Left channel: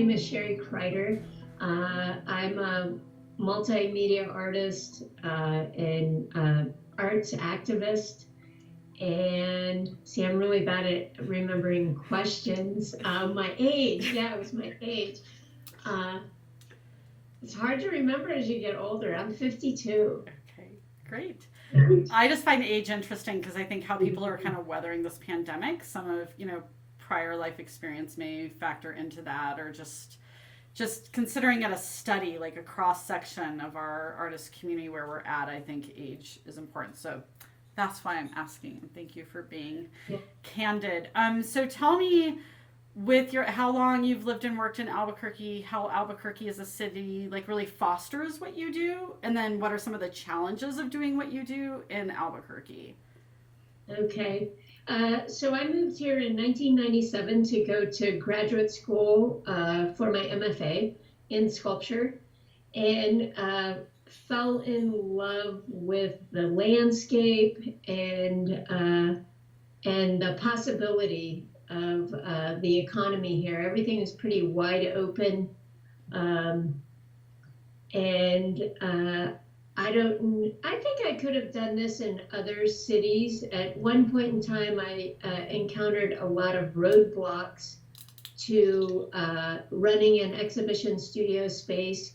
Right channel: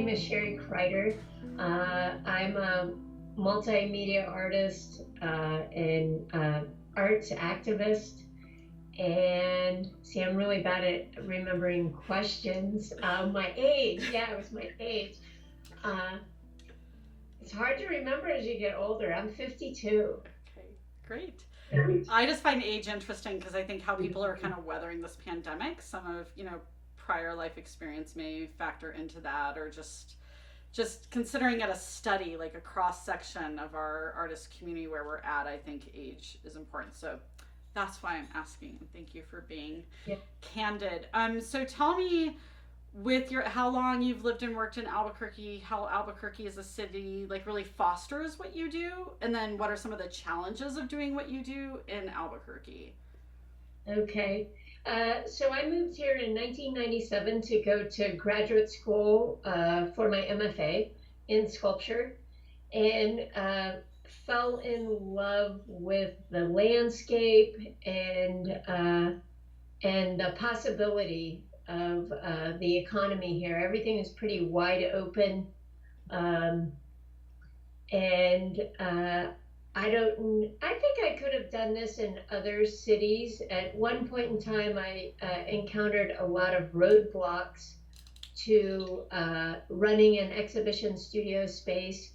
name is SHERI CRIDER. I'm a multimedia artist and arts activist. And see, I'm really bad at remembering questions. My age, yeah, it was my age. Uh, it's hard to remember as you get older. I'm 52. Okay, great. Yeah. I just find age interesting because I think how people are kind of weathering this pandemic, some of, prior life experience may factor into that, or just considering it a study, like a cross section of our artist community where we're at, I think age is important. So that's why I'm asking. Thank you for being Yeah. candid. So tell me, with your how long you've lived and worked in Albuquerque, how Albuquerque as a city like really fosters what you do, and then what are some of the challenges of doing what you do in Albuquerque? Okay. So I moved here in 1997 to go to graduate school for my MFA in sculpture, and fell in love with the landscape and the possibility of the economy here. Everything is pretty wide open, um, and I think I could have done this in other cities. At one point in time, I encountered a lot of roadblocks to running an exhibition studio space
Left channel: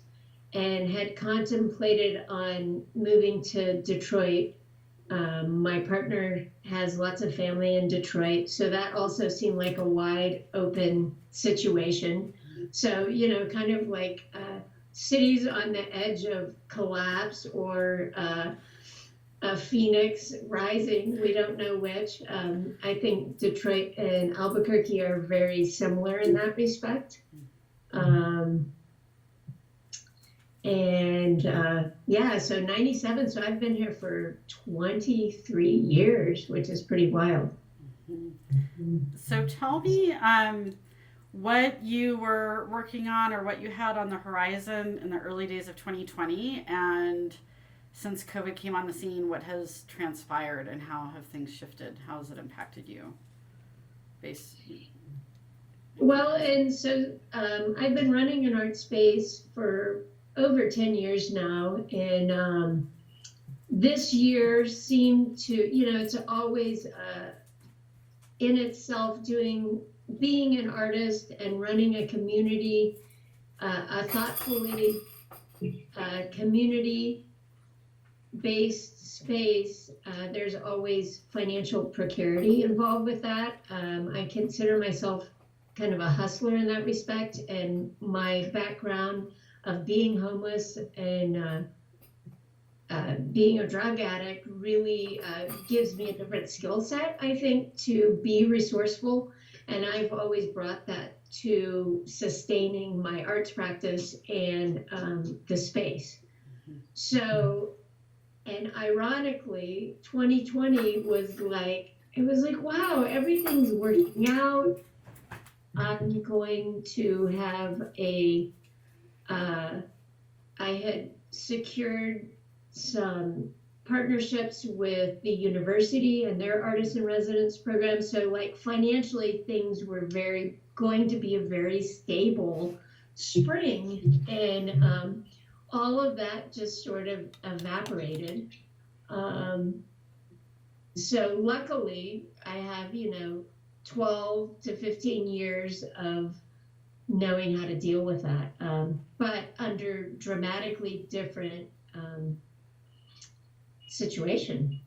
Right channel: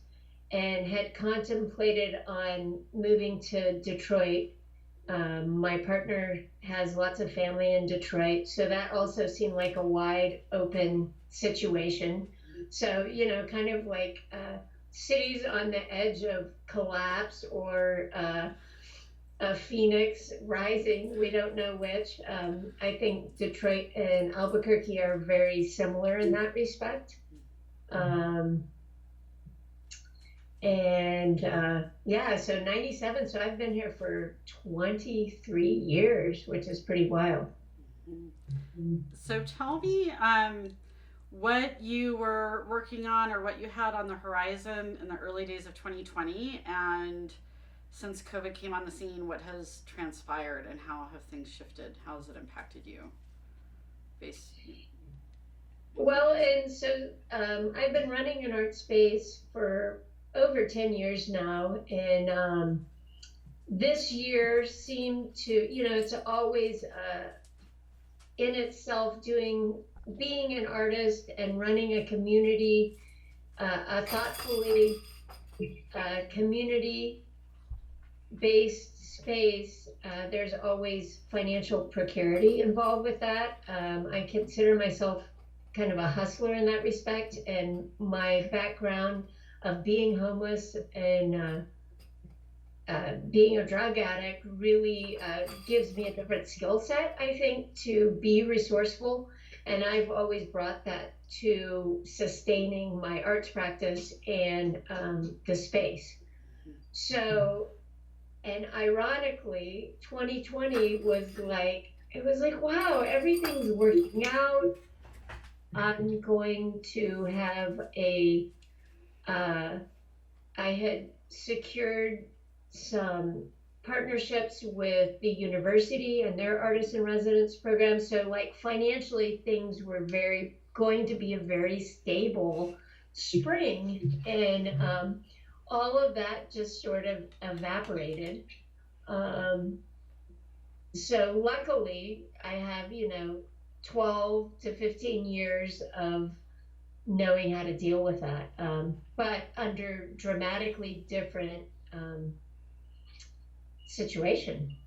and had contemplated on moving to Detroit. My partner has lots of family in Detroit, so that also seemed like a wide open situation. So, kind of like cities on the edge of collapse or a phoenix rising, we don't know which. I think Detroit and Albuquerque are very similar in that respect. Um, and yeah, so 97, so I've been here for 23 years, which is pretty wild. So tell me what you were working on or what you had on the horizon in the early days of 2020, and since COVID came on the scene, what has transpired and how have things shifted? How has it impacted you? Base. Well, and so I've been running an art space for over 10 years now, and this year seemed to, it's always in itself being an artist and running a community, a thoughtfully community based space. There's always financial precarity involved with that. I consider myself kind of a hustler in that respect, and my background of being homeless and being a drug addict really gives me a different skill set, I think, to be resourceful. And I've always brought that to sustaining my arts practice and the space. So, and ironically, 2020 it was like, wow, everything's working out. I'm going to have I had secured some partnerships with the university and their artist in residence program. So like financially things were going to be a very stable spring, and all of that just sort of evaporated. Um, so luckily I have, 12 to 15 years of knowing how to deal with that, but under dramatically different situation,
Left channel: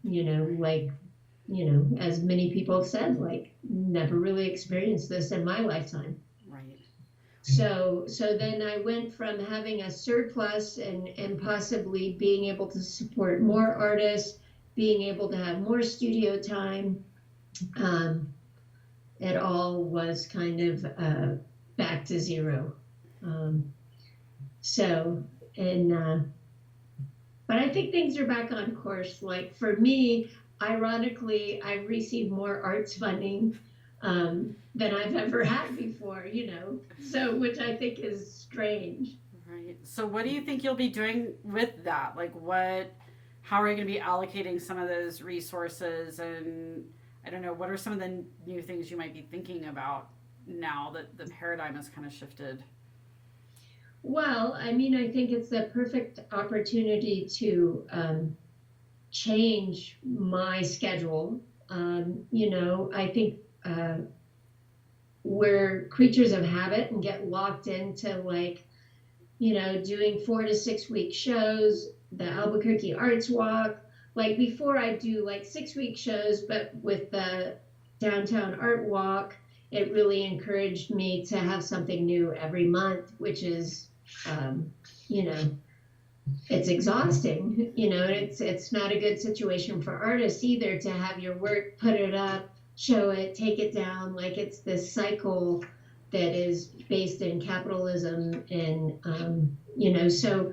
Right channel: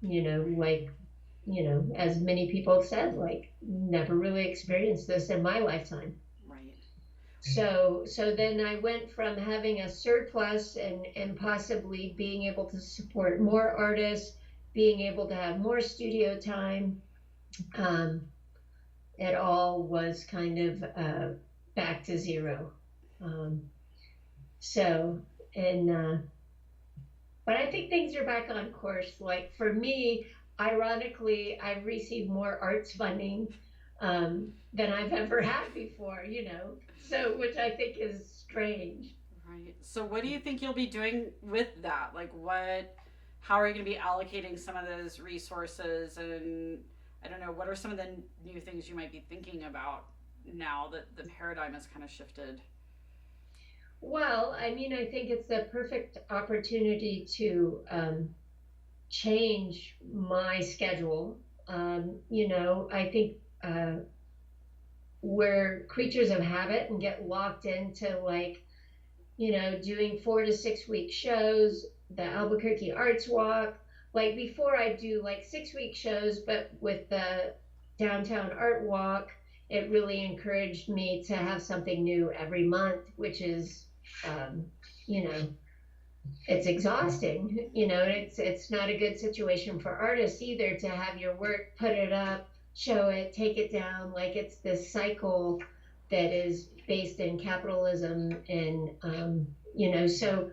as many people have said, like never really experienced this in my lifetime. Right. So then I went from having a surplus and possibly being able to support more artists, being able to have more studio time. It all was kind of back to zero. Um, so, and but I think things are back on course. Like for me, ironically, I received more arts funding than I've ever had before, so which I think is strange. Right. So what do you think you'll be doing with that? Like how are you going to be allocating some of those resources, and I don't know, what are some of the new things you might be thinking about now that the paradigm has kind of shifted? Well, I mean, I think it's the perfect opportunity to change my schedule. I think we're creatures of habit and get locked into like, doing 4 to 6 week shows, the Albuquerque Arts Walk. Like before, I do like 6 week shows, but with the downtown art walk, it really encouraged me to have something new every month, which is, um, you know, it's exhausting. It's not a good situation for artists either to have your work, put it up, show it, take it down. Like it's this cycle that is based in capitalism, and so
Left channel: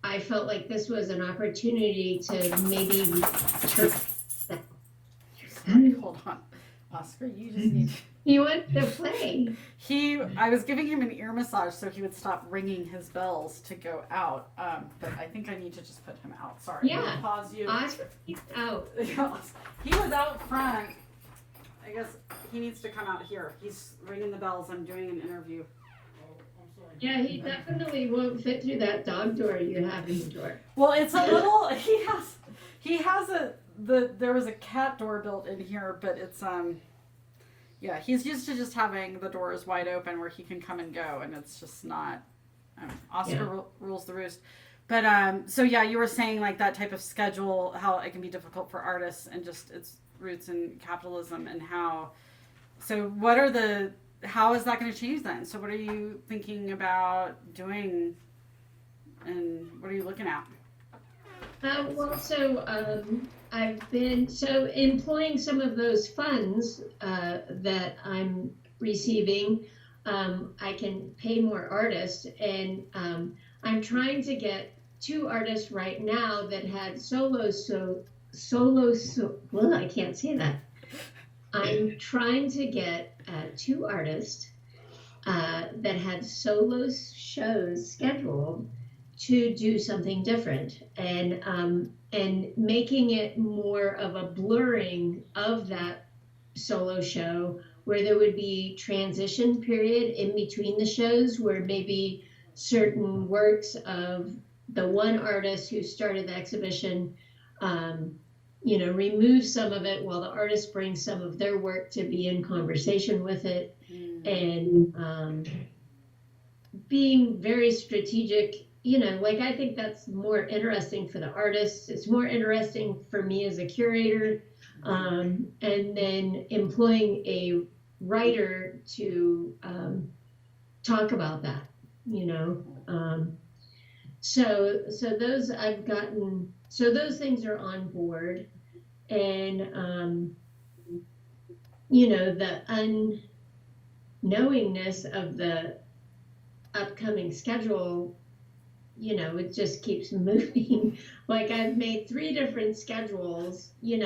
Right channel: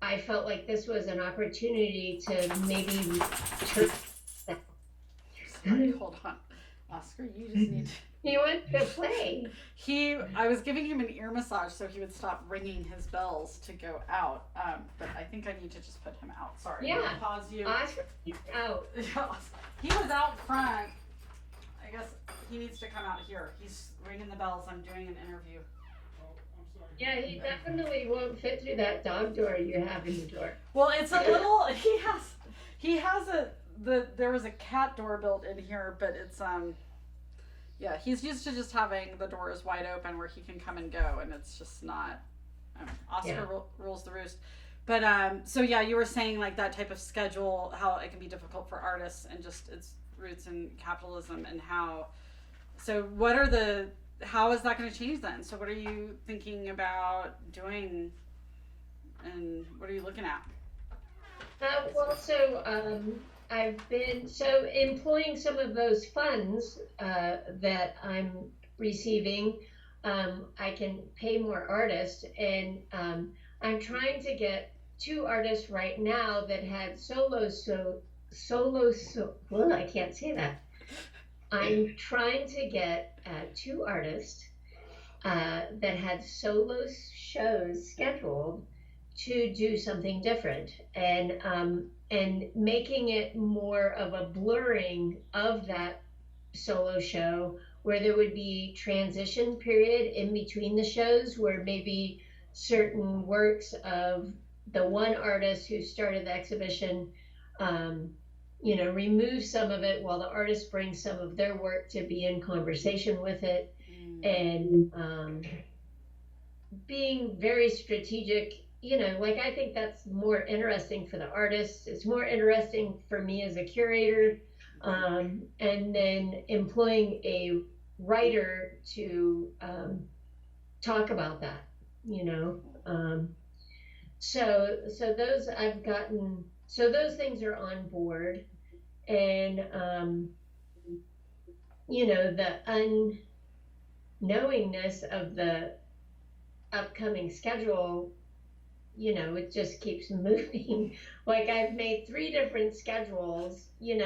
I felt like this was an opportunity to maybe turn that. Sorry, hold on. Oscar, you just need. You want to play? I was giving him an ear massage so he would stop ringing his bells to go out. But I think I need to just put him out. Sorry. Yeah. Pause you. Oscar, he's out. He was out front. I guess he needs to come out here. He's ringing the bells. I'm doing an interview. Yeah, he definitely won't fit through that dog door you have in the door. Well, it's a little. He has there was a cat door built in here, but it's yeah, he's used to just having the doors wide open where he can come and go, and it's just not. Oscar rules the roost. But so yeah, you were saying like that type of schedule, how it can be difficult for artists, and just its roots in capitalism, and how. So how is that going to change then? So what are you thinking about doing, and what are you looking at? I've been employing some of those funds that I'm receiving. I can pay more artists, and I'm trying to get 2 artists right now that had well, I can't say that. I'm trying to get 2 artists that had solo shows scheduled to do something different, and making it more of a blurring of that solo show, where there would be transition period in between the shows, where maybe certain works of the one artist who started the exhibition, remove some of it while the artist brings some of their work to be in conversation with it, and being very strategic. I think that's more interesting for the artists. It's more interesting for me as a curator, and then employing a writer to talk about that. So those I've gotten. So those things are on board, and the unknowingness of the upcoming schedule, it just keeps moving. Like I've made 3 different schedules, and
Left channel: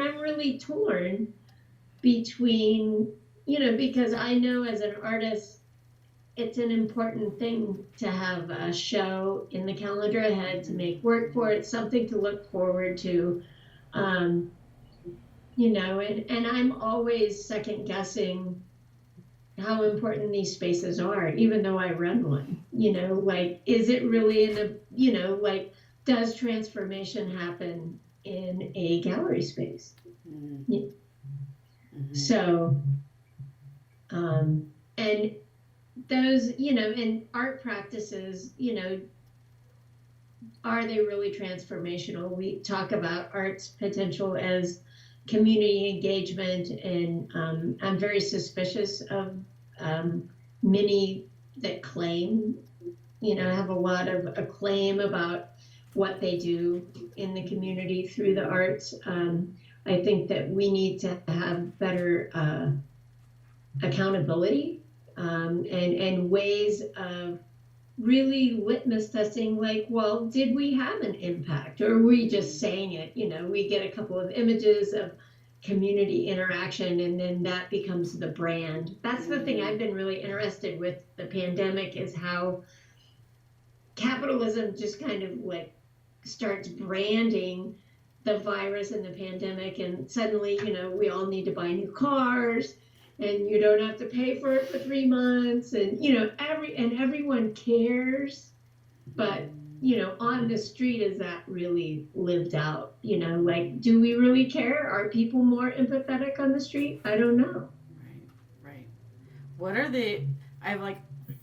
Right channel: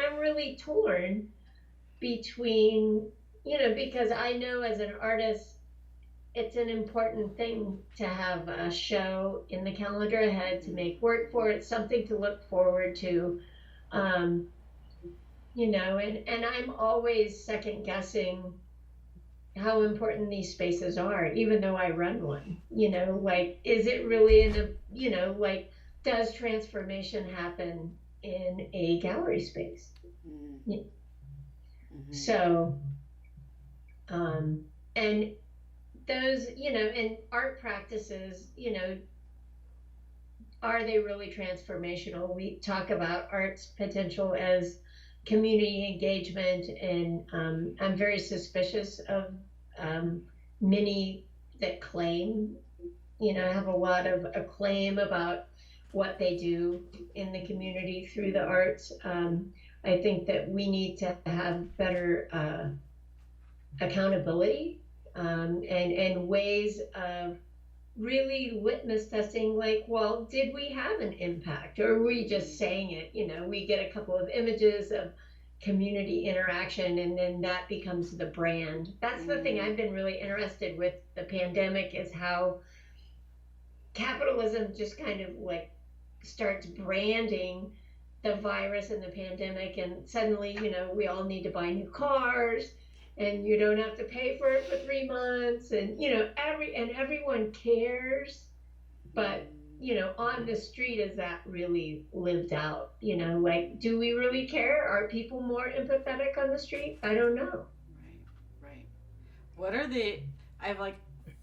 I'm really torn between, because I know as an artist, it's an important thing to have a show in the calendar ahead, to make work for it, something to look forward to, and I'm always second guessing how important these spaces are, even though I run one. Is it really does transformation happen in a gallery space? Mm-hmm. So, and those, and art practices, are they really transformational? We talk about art's potential as community engagement, and I'm very suspicious of many that claim, have a lot of acclaim about what they do in the community through the arts. I think that we need to have better accountability, and ways of really litmus testing, like, well, did we have an impact, or are we just saying it? We get a couple of images of community interaction, and then that becomes the brand. That's the thing I've been really interested with the pandemic, is how capitalism just kind of like starts branding the virus and the pandemic, and suddenly, we all need to buy new cars, and you don't have to pay for it for 3 months, and everyone cares, but on the street, is that really lived out? Like, do we really care? Are people more empathetic on the street? I don't know. Right. What are the? I have like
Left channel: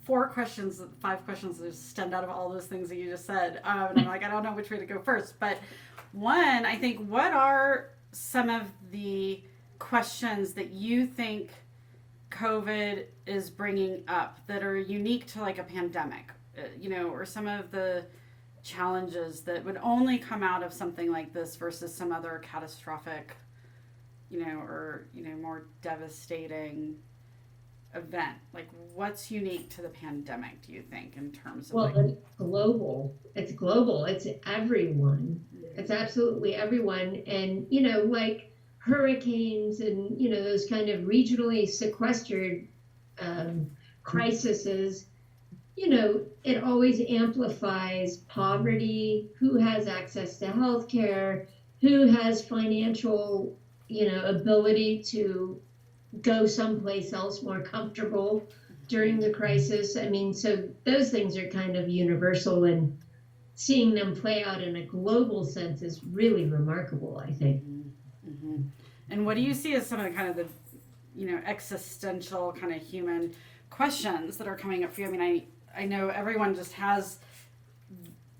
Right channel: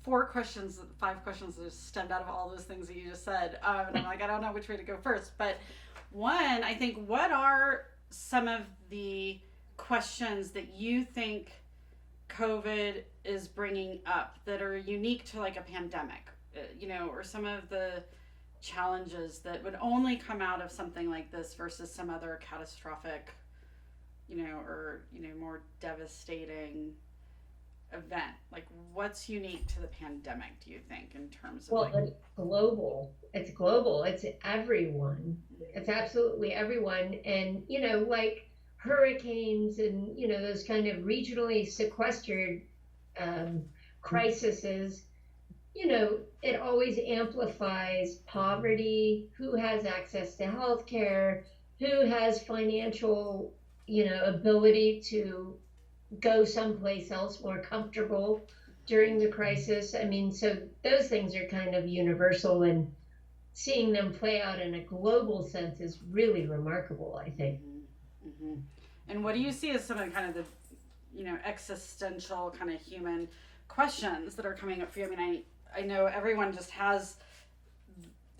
4 questions, 5 questions that stemmed out of all those things that you just said. And I'm like, I don't know which way to go first. But one, I think, what are some of the questions that you think COVID is bringing up that are unique to like a pandemic? Or some of the challenges that would only come out of something like this versus some other catastrophic, or more devastating event. Like, what's unique to the pandemic, do you think, in terms of Well, it's global. It's global. It's everyone. It's absolutely everyone. And, like hurricanes and, those kind of regionally sequestered crises, it always amplifies poverty, who has access to healthcare, who has financial, ability to go someplace else more comfortable during the crisis. I mean, so those things are kind of universal, and seeing them play out in a global sense is really remarkable, I think. Mm-hmm. And what do you see as some of the kind of the, existential kind of human questions that are coming up for you? I mean, I know everyone just has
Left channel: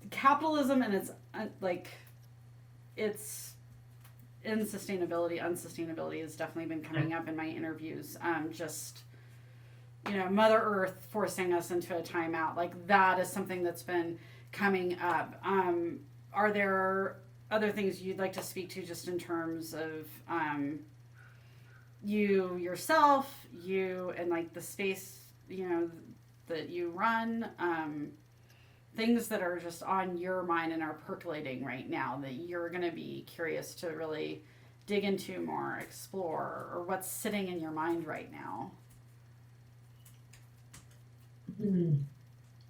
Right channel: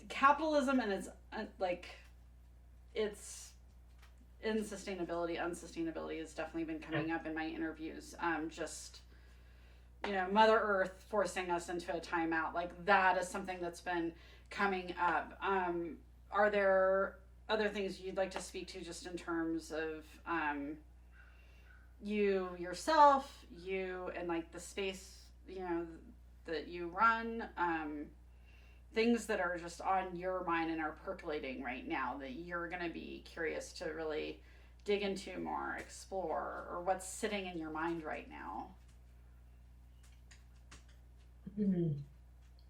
capitalism, and it's unsustainability has definitely been coming up in my interviews. Mother Earth forcing us into a timeout, like that is something that's been coming up. Are there other things you'd like to speak to, just in terms of you yourself, and like the space, that you run, things that are just on your mind and are percolating right now that you're going to be curious to really dig into more, explore, or what's sitting in your mind right now?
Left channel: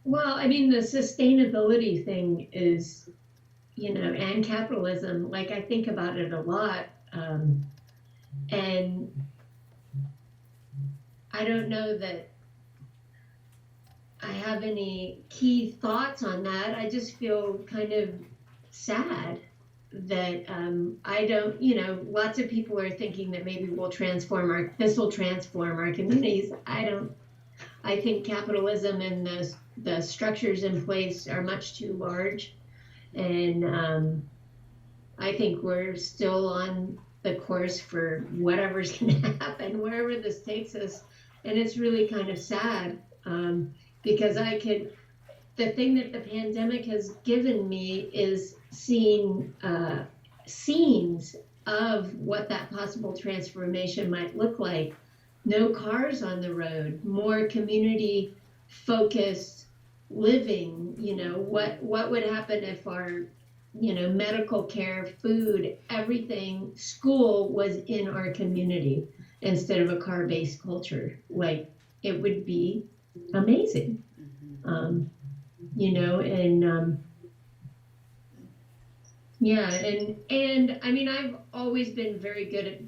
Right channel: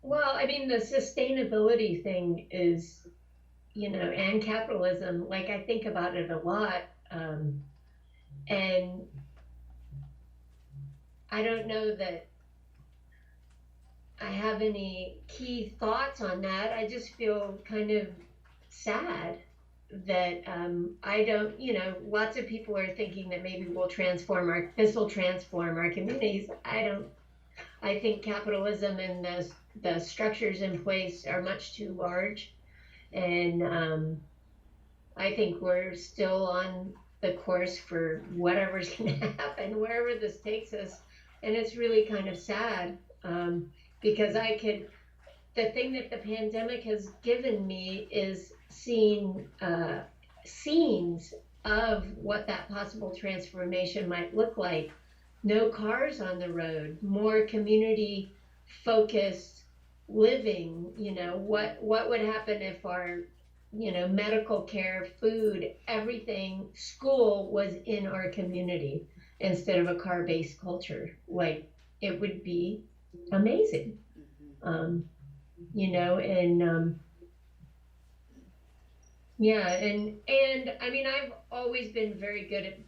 Well, I mean, the sustainability thing is, and capitalism, like I think about it a lot. And I don't know that I have any key thoughts on that. I just feel kind of sad that I don't, lots of people are thinking that maybe this will transform our communities. I think capitalism and the structures in place are much too large. And I think we're still on the course for whatever's going to happen, wherever this takes us. And it's really kind of sad. Because the thing that the pandemic has given me is seeing scenes of what that possible transformation might look like. No cars on the road, more community focused living. What would happen if our, medical care, food, everything, school was in our community instead of a car-based culture? Like, it would be amazing. And I mean, I've always been very good at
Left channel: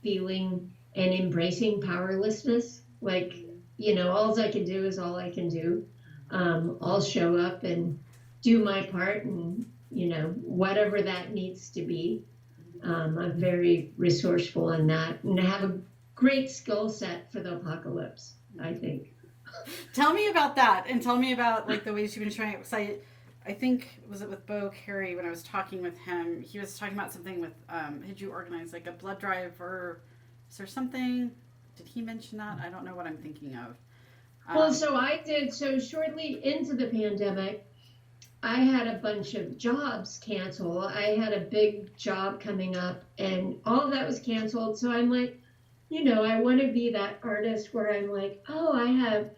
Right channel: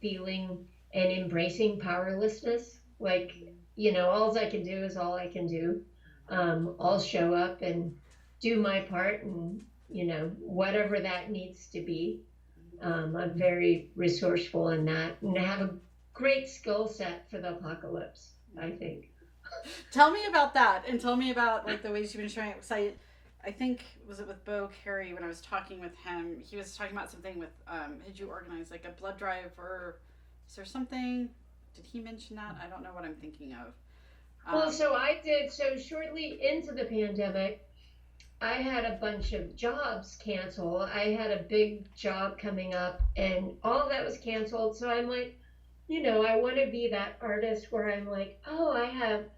feeling and embracing powerlessness. Like, all I can do is all I can do. I'll show up and do my part, and whatever that needs to be. I'm very resourceful in that, and I have a great skill set for the apocalypse, I think. Tell me about that, and tell me about like the ways you've been showing it. Because I think, was it with Bo Carey, when I was talking with him, he was talking about something with, did you organize like a blood drive, or is there something, did he mention that? I don't know what I'm thinking of. Well, so shortly into the pandemic, I had a bunch of jobs cancel. I had a big job coming up, and all of that was canceled. So I'm like, I want to be that artist where I'm like, oh, I have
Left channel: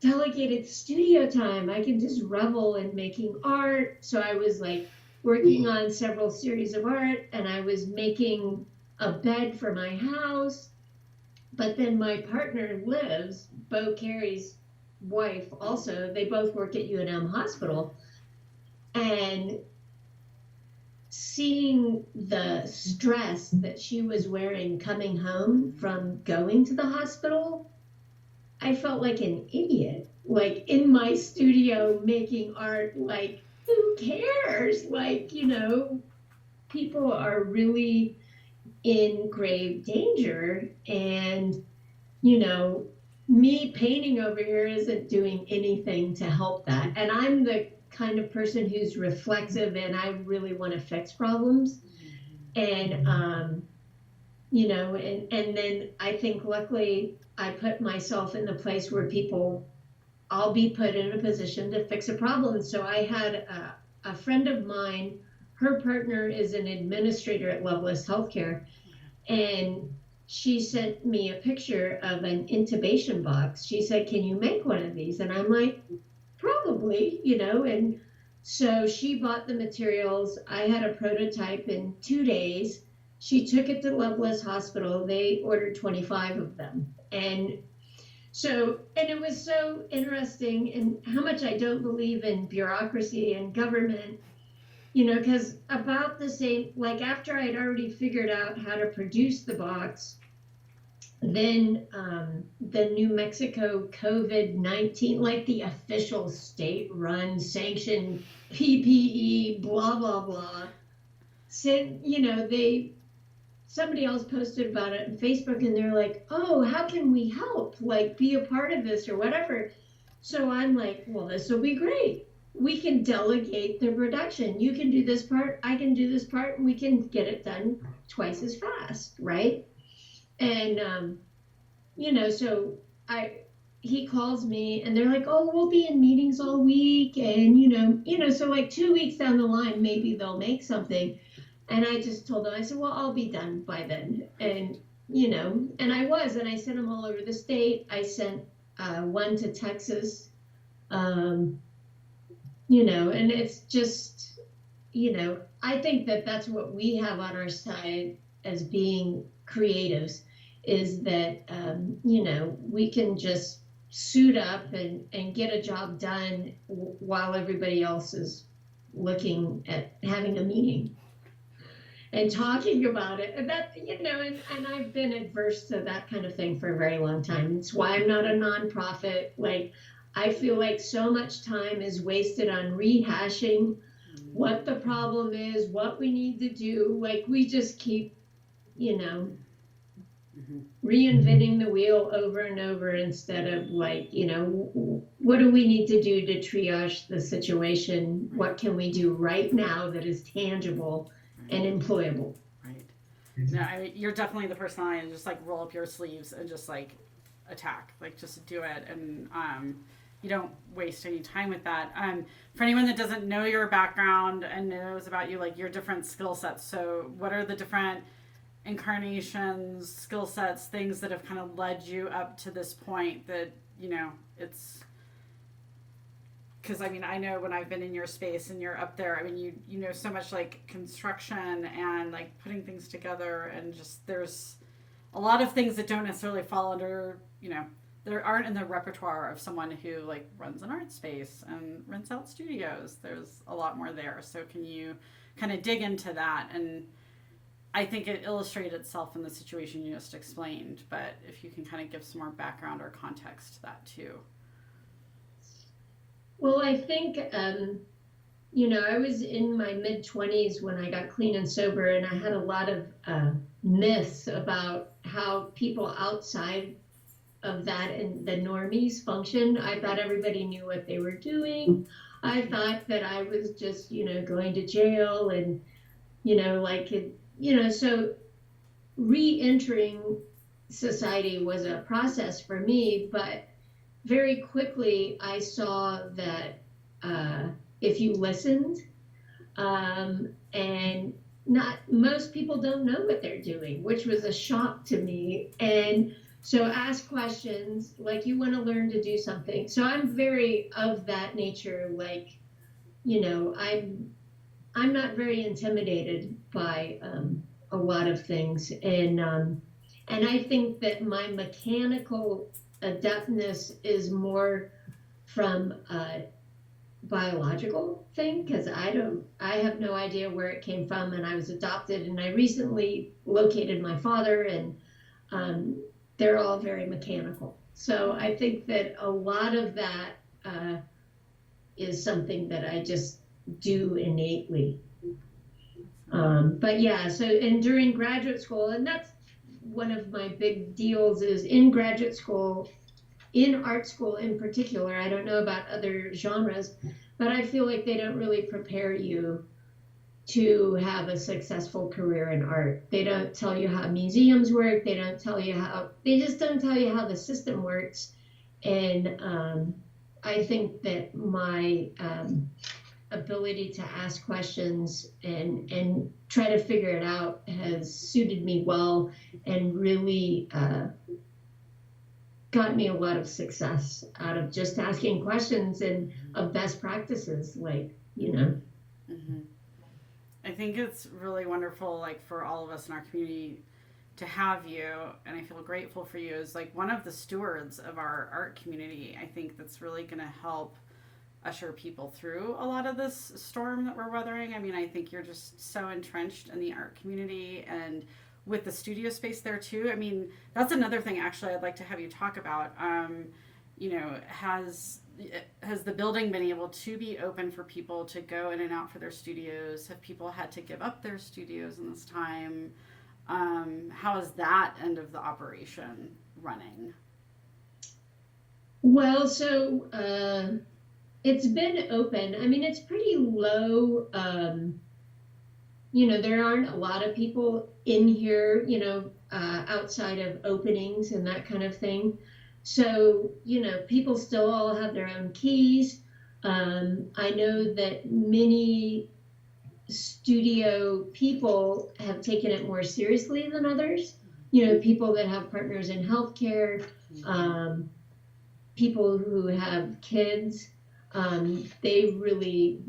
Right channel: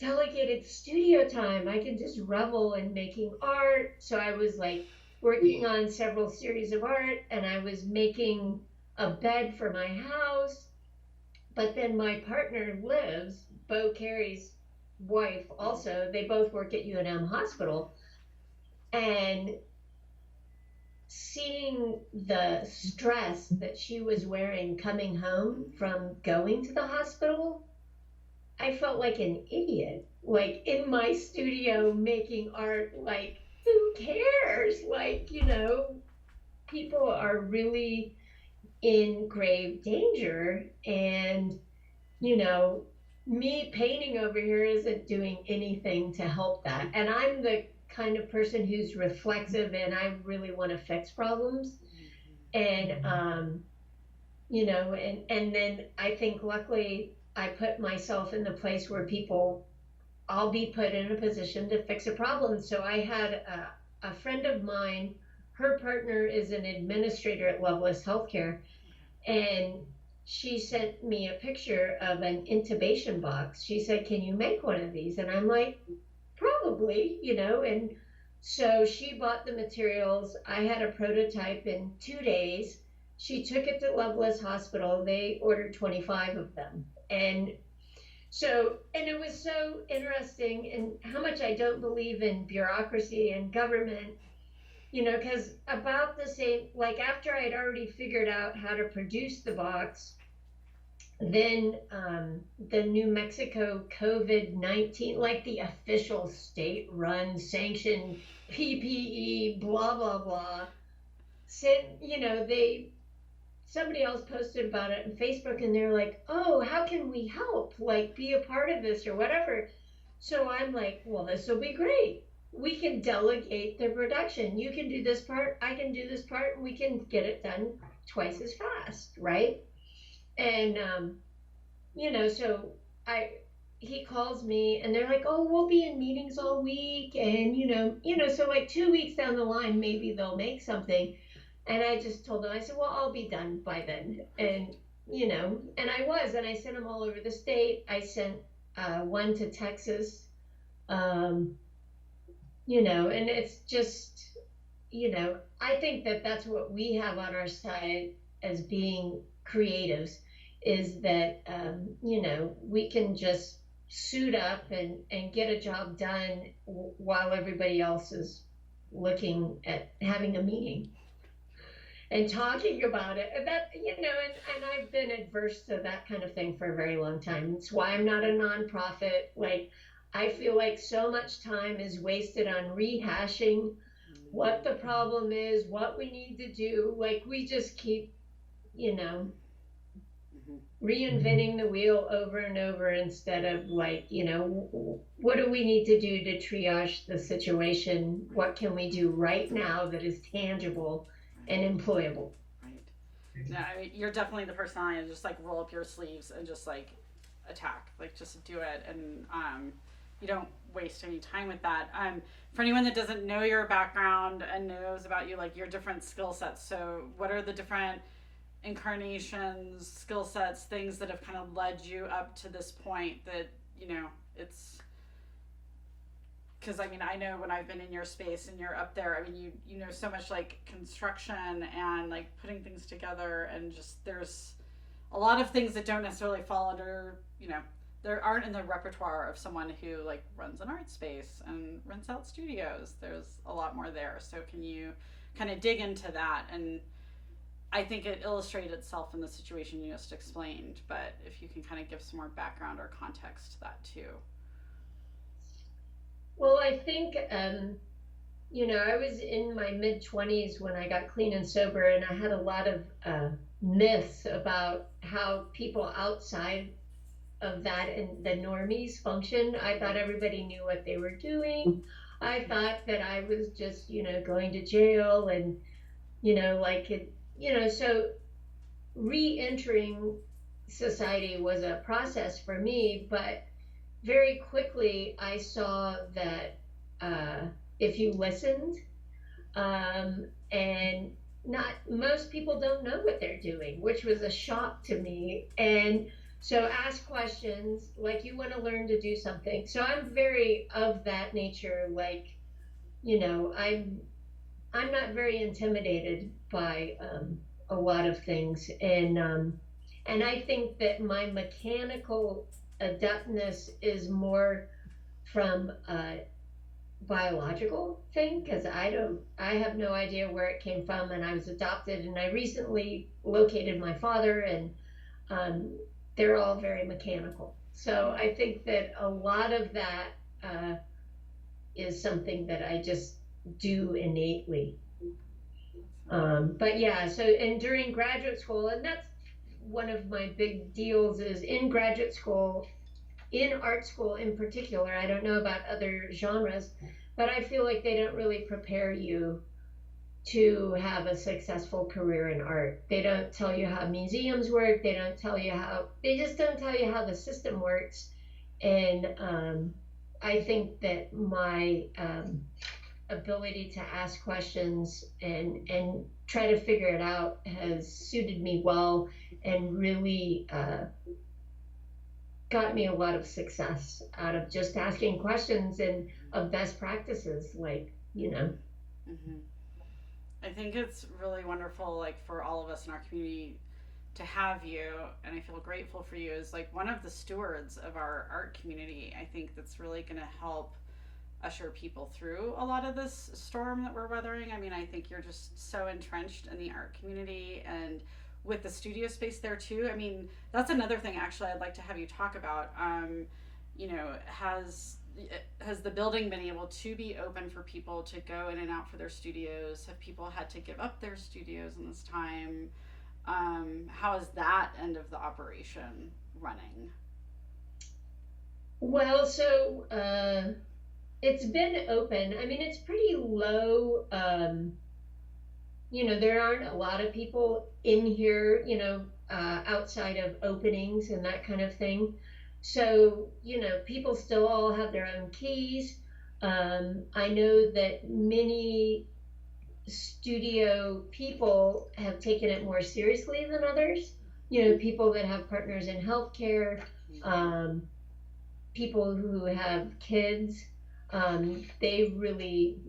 delegated studio time. I can just revel in making art. So I was like working on several series of art, and I was making a bed for my house. But then my partner lives, Bo Carey's wife also, they both work at UNM Hospital. And seeing the stress that she was wearing coming home from going to the hospital, I felt like an idiot, like in my studio making art, like, who cares? Like, people are really in grave danger, and, you know, me painting over here isn't doing anything to help that. And I'm the kind of person who's reflexive and I really want to fix problems. And, and then I think luckily I put myself in the place where I'll be put in a position to fix a problem. So I had a friend of mine, her partner is an administrator at Loveless Healthcare, and she sent me a picture of an intubation box. She said, "Can you make one of these?" And I'm like, "Probably," and so she bought the materials. I had a prototype in 2 days. She took it to Loveless Hospital. They ordered 25 of them. And it was so interesting, and how much I don't believe in bureaucracy and government, because about the same, like after I'd already figured out how to produce the box, then the New Mexico COVID-19, like the official state-run sanctioned PPE, blah, blah, blah, said, somebody else posted about it on Facebook, and they were like, "Oh, how can we help? Like, be a part of this or whatever." So I'm like, "Well, this will be great. We can delegate the production. You can do this part, I can do this part, and we can get it done twice as fast, right?" And so he calls me, and they're like, "Oh, we'll be in meetings all week, and so like 2 weeks down the line, maybe they'll make something." And I just told them, I said, "Well, I'll be done by then." And, and I sent them all over the state. I sent one to Texas, and it's just, I think that that's what we have on our side as being creatives, is that, we can just suit up and get a job done while everybody else is looking at having a meeting and talking about it. And that, and I've been adverse to that kind of thing for a very long time. It's why I'm not a nonprofit. Like, I feel like so much time is wasted on rehashing what the problem is, what we need to do. Like, we just keep, reinventing the wheel over and over, instead of like, what do we need to do to triage the situation? What can we do right now that is tangible and employable? Right. No, I mean, you're definitely the person I just like roll up your sleeves and just like attack, like just do it, and you don't waste any time with that. For anyone that doesn't know your background and knows about you, like your different skill sets. So, what are the different incarnations, skill sets, things that have kind of led you up to this point that it's. Because I mean, I know when I've been in your space and you're up there, I mean, you know so much like construction and like putting things together, and just there's a lot of things that don't necessarily fall under, there aren't in the repertoire of someone who like runs an art space and rents out studios. There's a lot more there. So can you kind of dig into that? And I think it illustrated itself in the situation you just explained, but if you can kind of give some more background or context to that too. Well, I think, I was in my mid-20s when I got clean and sober, and I had a lot of myths about how people outside of that and the normies function. I thought everybody knew what they were doing. I thought that I was just, going to jail and, so re-entering society was a process for me, but very quickly I saw that if you listened, and not most people don't know what they're doing, which was a shock to me. And so ask questions, like you want to learn to do something. So I'm very of that nature, like, I'm not very intimidated by a lot of things, and I think that my mechanical adeptness is more from biological thing, because I have no idea where it came from, and I was adopted, and I recently located my father, and um, they're all very mechanical. So I think that a lot of that uh, is something that I just do innately. But yeah, so and during graduate school, and that's one of my big deals is in graduate school, in art school in particular. I don't know about other genres, but I feel like they don't really prepare you to have a successful career in art. They don't tell you how museums work. They just don't tell you how the system works. And I think that my ability to ask questions and try to figure it out has suited me well and really got me a lot of success out of just asking questions and of best practices, Mm-hmm. I think it's really wonderful, like for all of us in our community, to have you, and I feel grateful for you as like one of the stewards of our art community. I think that's really going to help usher people through a lot of this storm that we're weathering. I mean, I think you're just so entrenched in the art community and with the studio space there too. I mean, that's another thing actually I'd like to have you talk about. You know, has the building been able to be open for people to go in and out for their studios? Have people had to give up their studios in this time? How is that end of the operation running? Well, so it's been open. I mean, it's pretty low. There aren't a lot of people in here, outside of openings and that kind of thing. So, people still all have their own keys. I know that many studio people have taken it more seriously than others. People that have partners in healthcare, people who have kids, they've really,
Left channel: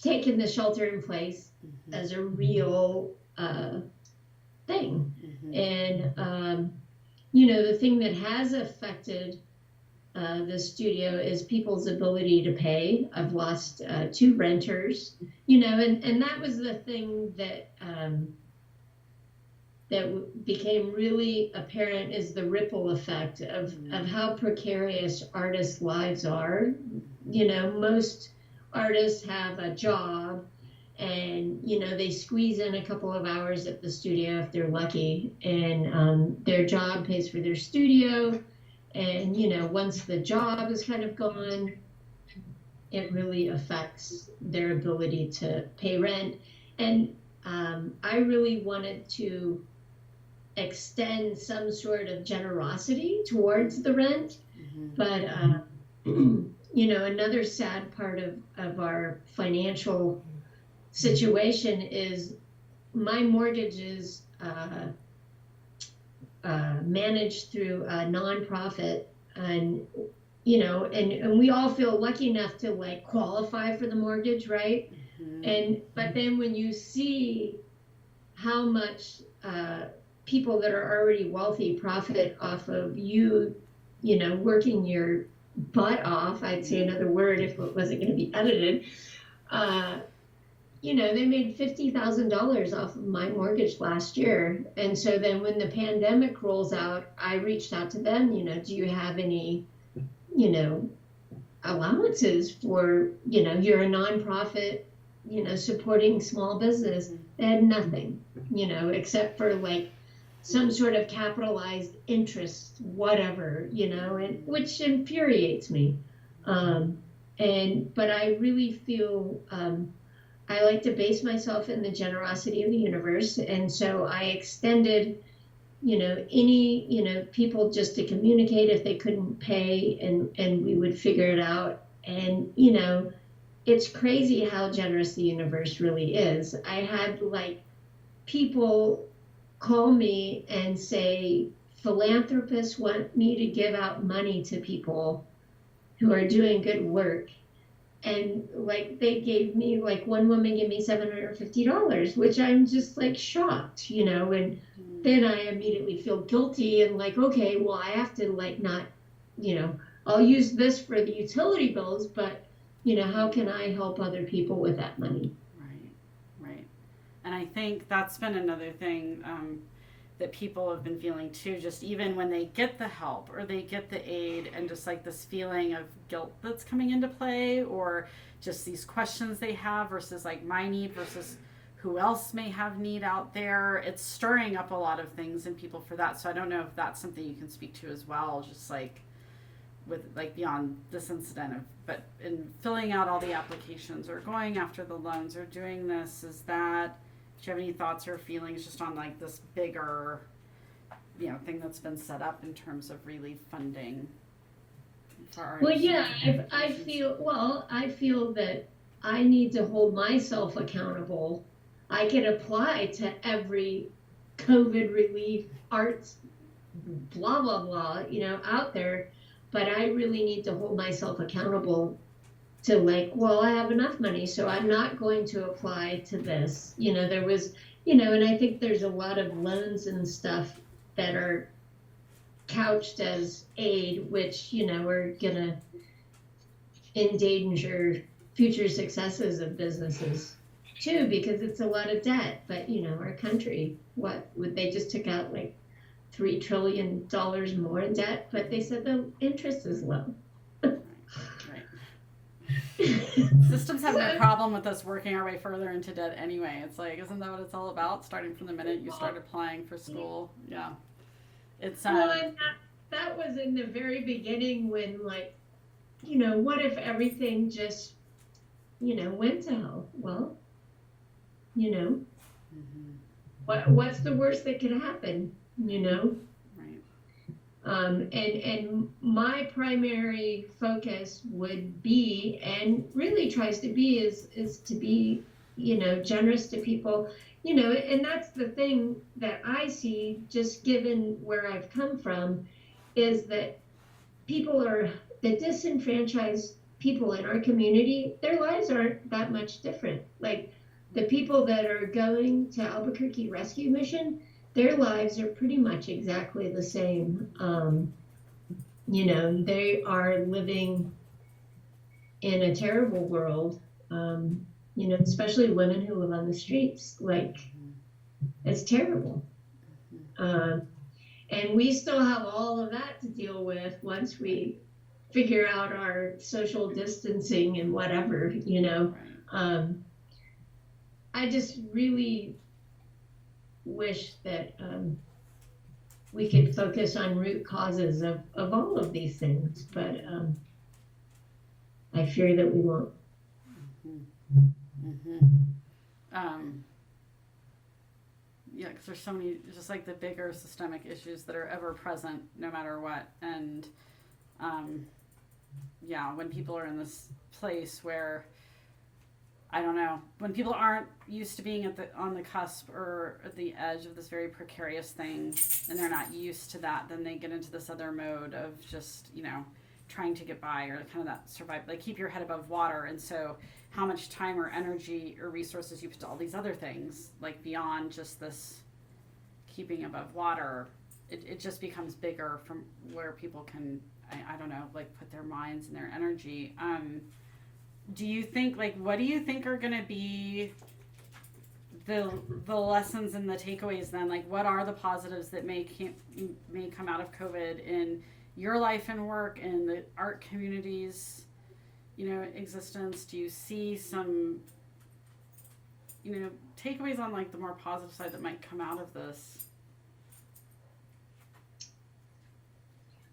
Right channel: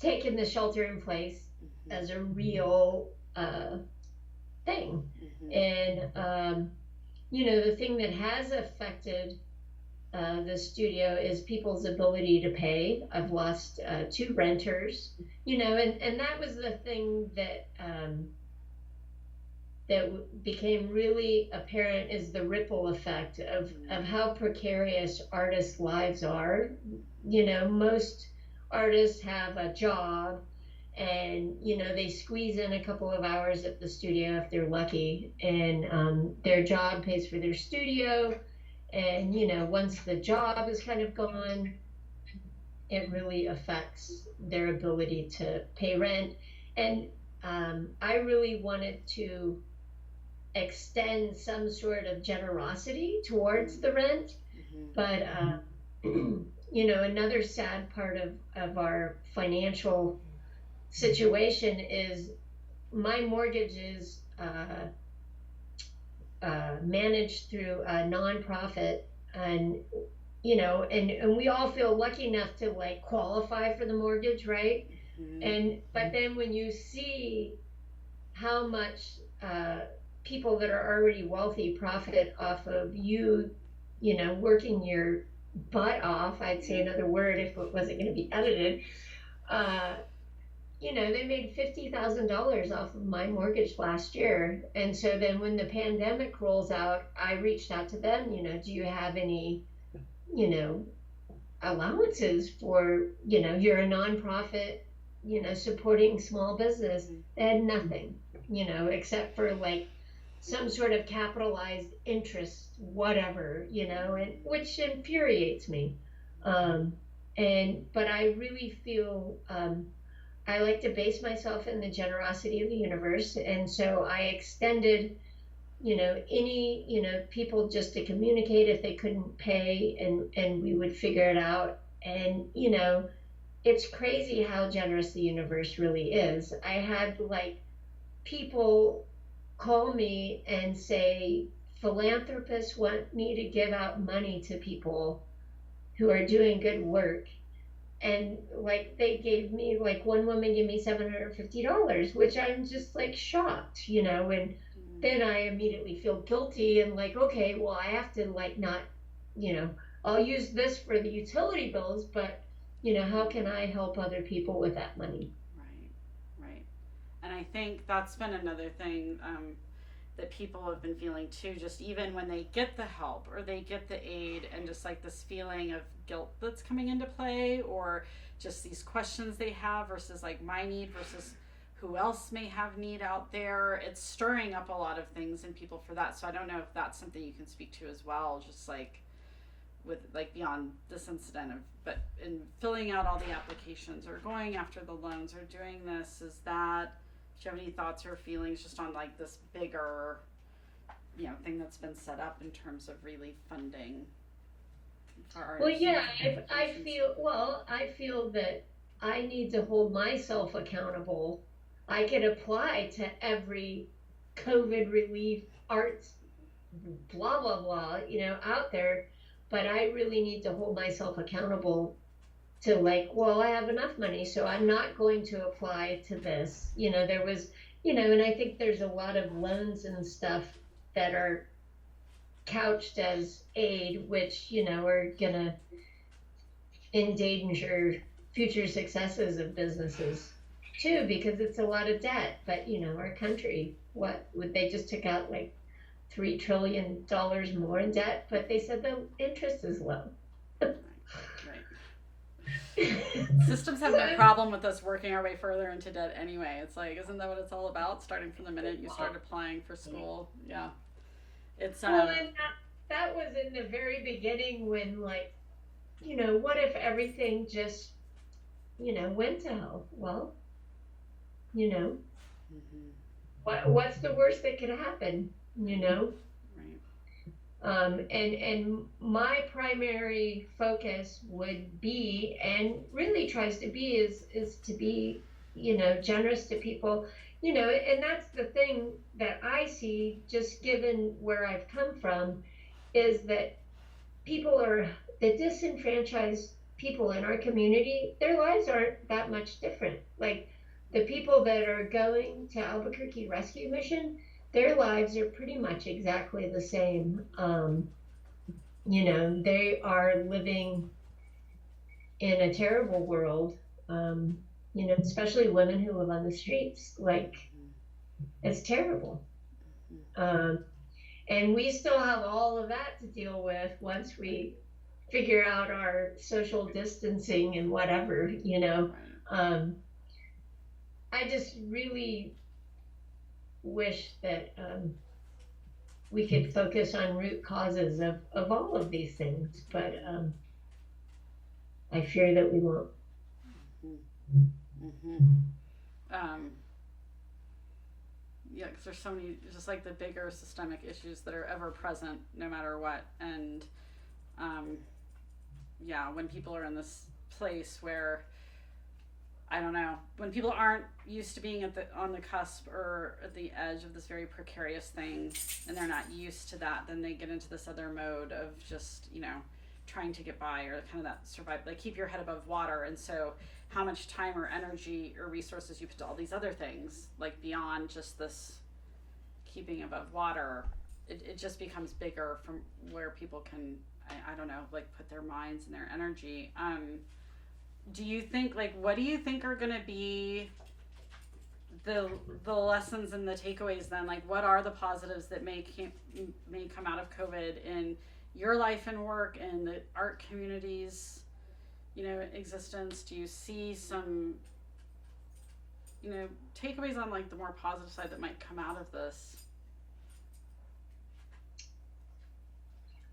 taken the shelter in place as a real thing. And, the thing that has affected the studio is people's ability to pay. I've lost 2 renters, and that was the thing that became really apparent is the ripple effect of how precarious artists' lives are. Most artists have a job and they squeeze in a couple of hours at the studio if they're lucky, and their job pays for their studio, and once the job is kind of gone, it really affects their ability to pay rent. And I really wanted to extend some sort of generosity towards the rent, but another sad part of our financial situation is my mortgage is managed through a nonprofit, and and we all feel lucky enough to like qualify for the mortgage, right? But then when you see how much people that are already wealthy profit off of you, working your butt off, I'd say another word if it wasn't going to be edited, they made $50,000 off of my mortgage last year. And so then when the pandemic rolls out, I reached out to them, do you have any, allowances for, you're a nonprofit, supporting small business. They had nothing, except for like some sort of capitalized interest, whatever, and which infuriates me. But I really feel, I like to base myself in the generosity of the universe. And so I extended, any, people just to communicate if they couldn't pay, and we would figure it out. And, it's crazy how generous the universe really is. I had like people call me and say, philanthropists want me to give out money to people who are doing good work. And like they gave me, like one woman gave me $750, which I'm just like shocked, and then I immediately feel guilty and like, okay, well I have to like not, I'll use this for the utility bills, but how can I help other people with that money? Right. And I think that's been another thing that people have been feeling too, just even when they get the help or they get the aid, and just like this feeling of guilt that's coming into play, or just these questions they have versus like my need versus who else may have need out there. It's stirring up a lot of things in people for that. So I don't know if that's something you can speak to as well, just like with like beyond this incident of, but in filling out all the applications or going after the loans or doing this, is that, do you have any thoughts or feelings just on like this bigger, thing that's been set up in terms of relief funding for our Well, yeah, I feel that I need to hold myself accountable. I can apply to every COVID relief arts, blah, blah, blah, out there, but I really need to hold myself accountable to like, well, I have enough money, so I'm not going to apply to this. There was, and I think there's a lot of loans and stuff that are couched as aid, which, are gonna endanger future successes of businesses too, because it's a lot of debt. But, our country, they just took out like $3 trillion more in debt, but they said the interest is low. Systems have no problem with us working our way further into debt anyway. It's like, isn't that what it's all about? Starting from the minute you start applying for school. Yeah. It's and that was in the very beginning when, like, what if everything just, went to hell? Well, what's the worst that could happen? And my primary focus would be, and really tries to be, is to be, generous to people, and that's the thing that I see, just given where I've come from, is that the disenfranchised people in our community, their lives aren't that much different. Like the people that are going to Albuquerque Rescue Mission, their lives are pretty much exactly the same. They are living in a terrible world, especially women who live on the streets. Like, it's terrible. And we still have all of that to deal with once we figure out our social distancing and whatever, I just really wish that we could focus on root causes of all of these things, but I fear that we won't. Yeah, because there's so many, just like the bigger systemic issues that are ever present no matter what. And when people are in this place where, I don't know, when people aren't used to being on the cusp or at the edge of this very precarious thing, and they're not used to that, then they get into this other mode of just, trying to get by, or kind of that survive, like keep your head above water. And so how much time or energy or resources you put to all these other things, like beyond just this keeping above water, it just becomes bigger from where people can, I don't know, like put their minds and their energy. Do you think, like, what do you think are going to be the lessons and the takeaways then? Like, what are the positives that may come out of COVID in your life and work and the art community's, existence? Do you see some, takeaways on like the more positive side that might come out of this?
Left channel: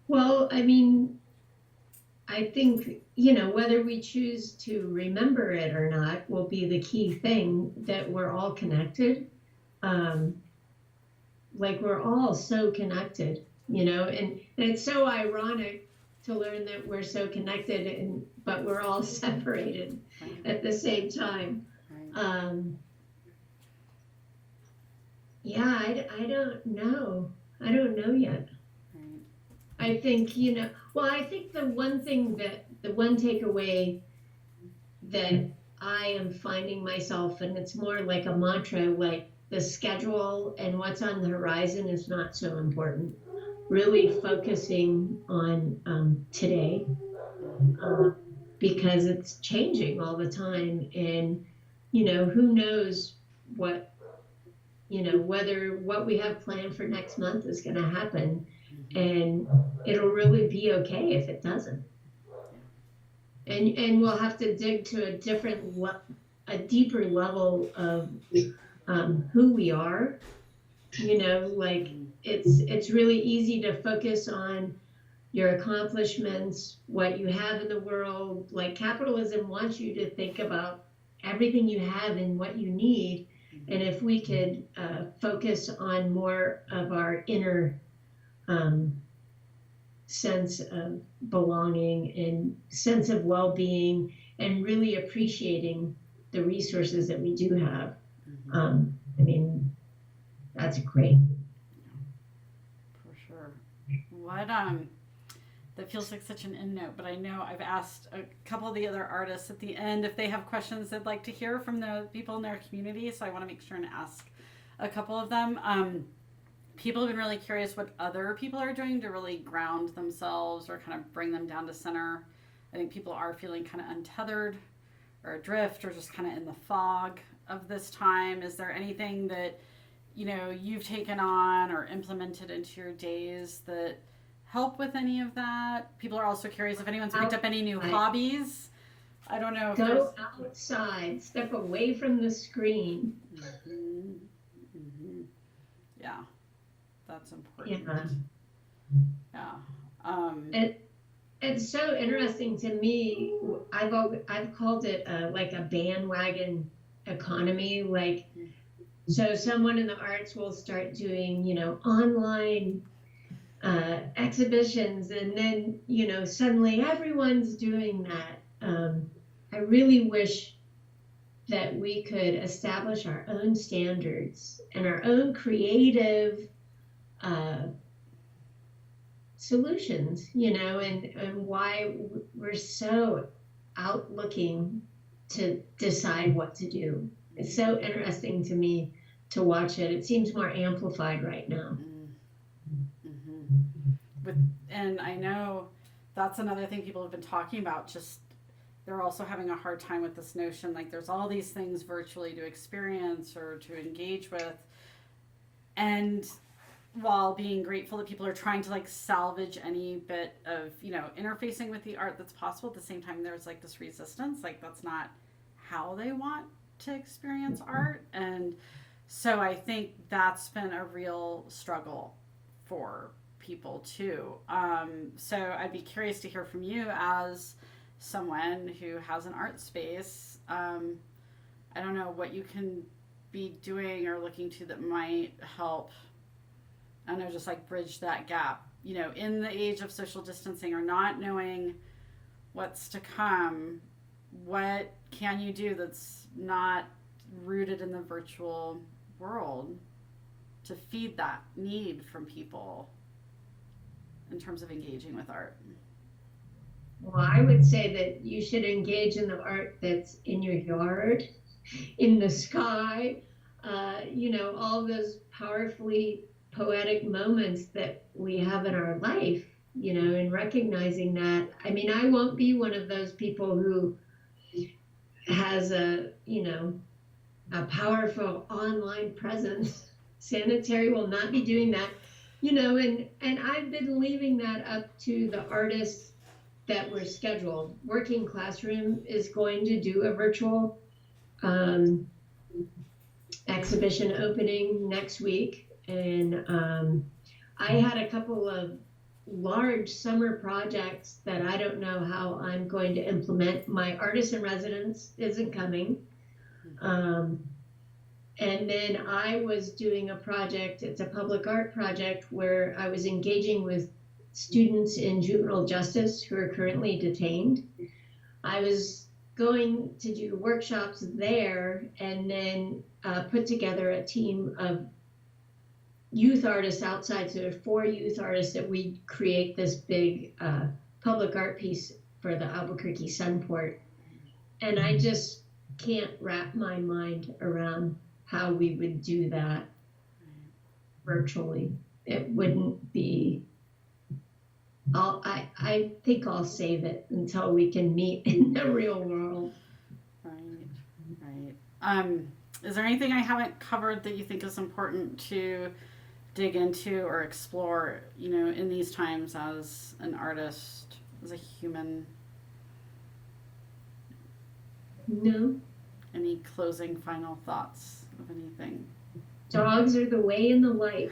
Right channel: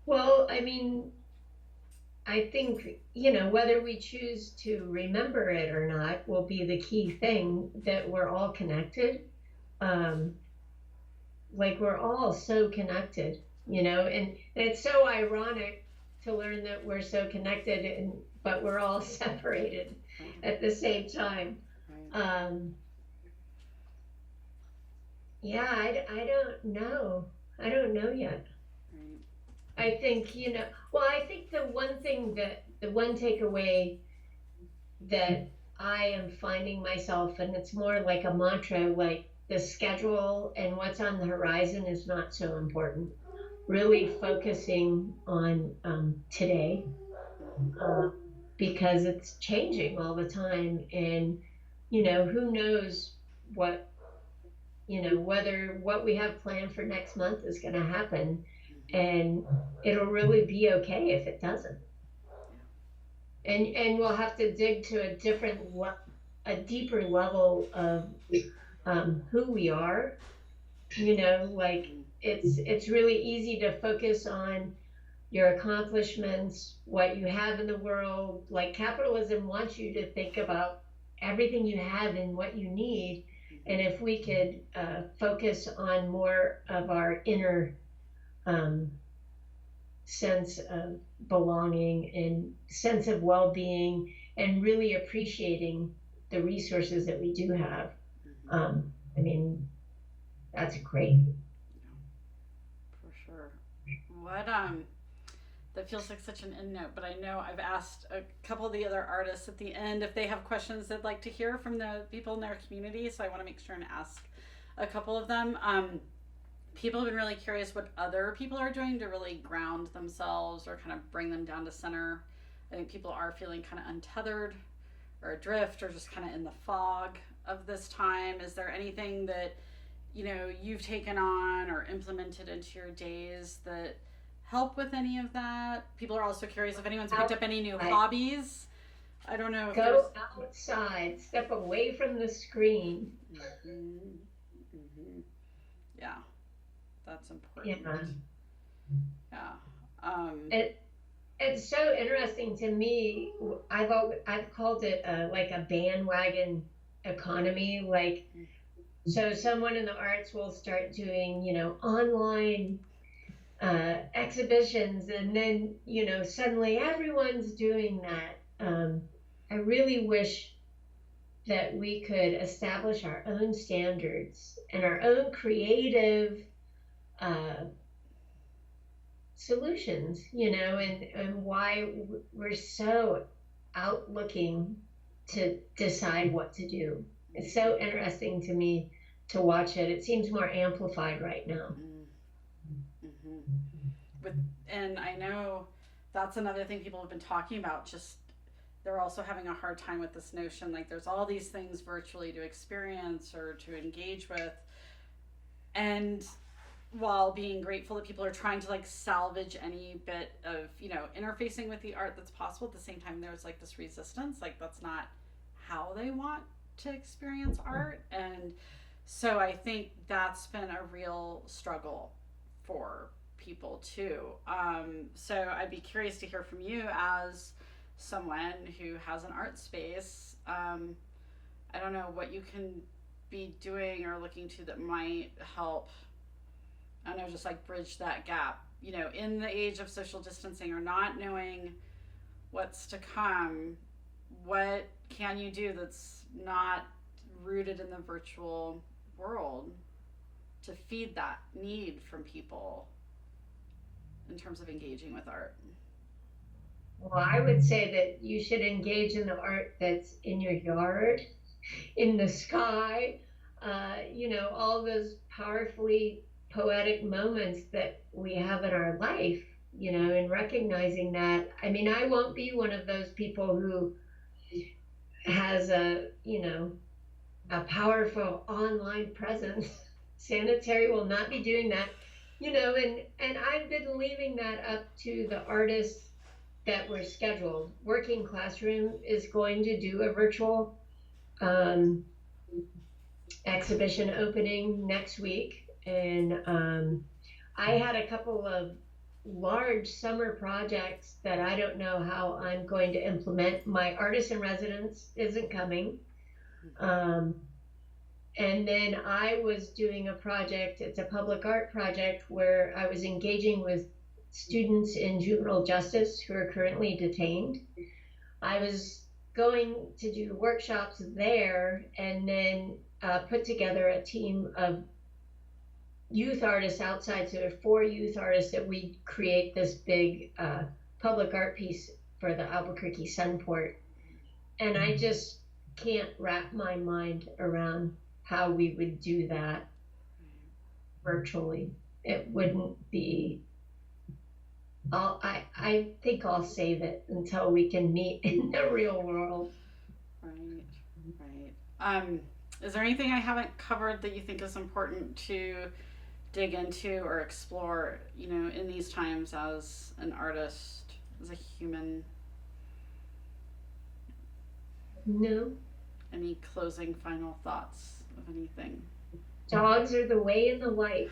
Well, I mean, I think, whether we choose to remember it or not will be the key thing, that we're all connected. Like we're all so connected, and it's so ironic to learn that we're so connected, but we're all separated at the same time. I don't know. I don't know yet. I think, I think the one takeaway that I am finding myself, and it's more like a mantra, like the schedule and what's on the horizon is not so important. Really focusing on today. because it's changing all the time. And, you know, who knows what, you know, whether what we have planned for next month is going to happen. And it'll really be okay if it doesn't. And we'll have to dig to a deeper level of who we are. You know, like it's really easy to focus on your accomplishments, what you have in the world. Like capitalism wants you to think about everything you have and what you need. And if we could focus on more of our inner sense of belonging and sense of well-being and really appreciating the resources that we do have. I mean, that's great. For sure. What that feels like such an end note, but I know I've asked a couple of the other artists at the end if they have questions they'd like to hear from the people in their community, so I want to make sure and ask a couple of them. People have been really curious what other people are doing to really ground themselves or kind of bring them down to center. I think people are feeling kind of untethered or adrift or just kind of in the fog of this time. Is there anything that, you know, you've taken on or implemented into your days that help with any of that? People are also curious if anyone's picked up any new hobbies. I don't know. Go outside, step away from the screen. Yeah, that's important. Yeah. It's so interesting to me. I've called it like a bandwagon economy. Like, so someone in the arts will start doing, you know, online exhibitions, and then, you know, suddenly everyone's doing that. I really wish that we could establish our own standards and our own creative solutions, you know, and why we're so out looking to decide what to do. It's so interesting to me to watch it. It seems more amplified right now. And I know that's another thing people have been talking about, just they're also having a hard time with this notion, like there's all these things virtually to experience or to engage with, and while being grateful that people are trying to like salvage any bit of, you know, interfacing with the art that's possible, at the same time there's like this resistance, like that's not how they want to experience art. And so I think that's been a real struggle for people too. So I'd be curious to hear from you as someone who has an art space. I don't know what you can be doing or looking to that might help, I don't know, just like bridge that gap, you know, in the age of social distancing or not knowing what's to come. What can you do that's not rooted in the virtual world to feed that need from people in terms of engaging with art? Well, I would say that you should engage in the art that's in your yard, in the sky, you know, all those powerfully poetic moments that we have in our life, you know, and recognizing that. I mean, I won't be one of those people who has a, you know, a powerful online presence. Sanitary will not be doing that, you know, and I've been leaving that up to the artists that were scheduled. Working Classroom is going to do a virtual exhibition opening next week. And I had a couple of large summer projects that I don't know how I'm going to implement. My artist in residence isn't coming. And then I was doing a project, it's a public art project where I was engaging with students in juvenile justice who are currently detained. I was going to do workshops there and then put together a team of youth artists outside, so there are 4 youth artists that we create this big public art piece for the Albuquerque Sunport. And I just can't wrap my mind around how we would do that virtually. It wouldn't be I think I'll save it until we can meet in the real world. Right, right. Is there anything I haven't covered that you think is important to dig into or explore, you know, in these times as an artist, as a human? No, Any closing final thoughts of anything? dogs are the way and the light.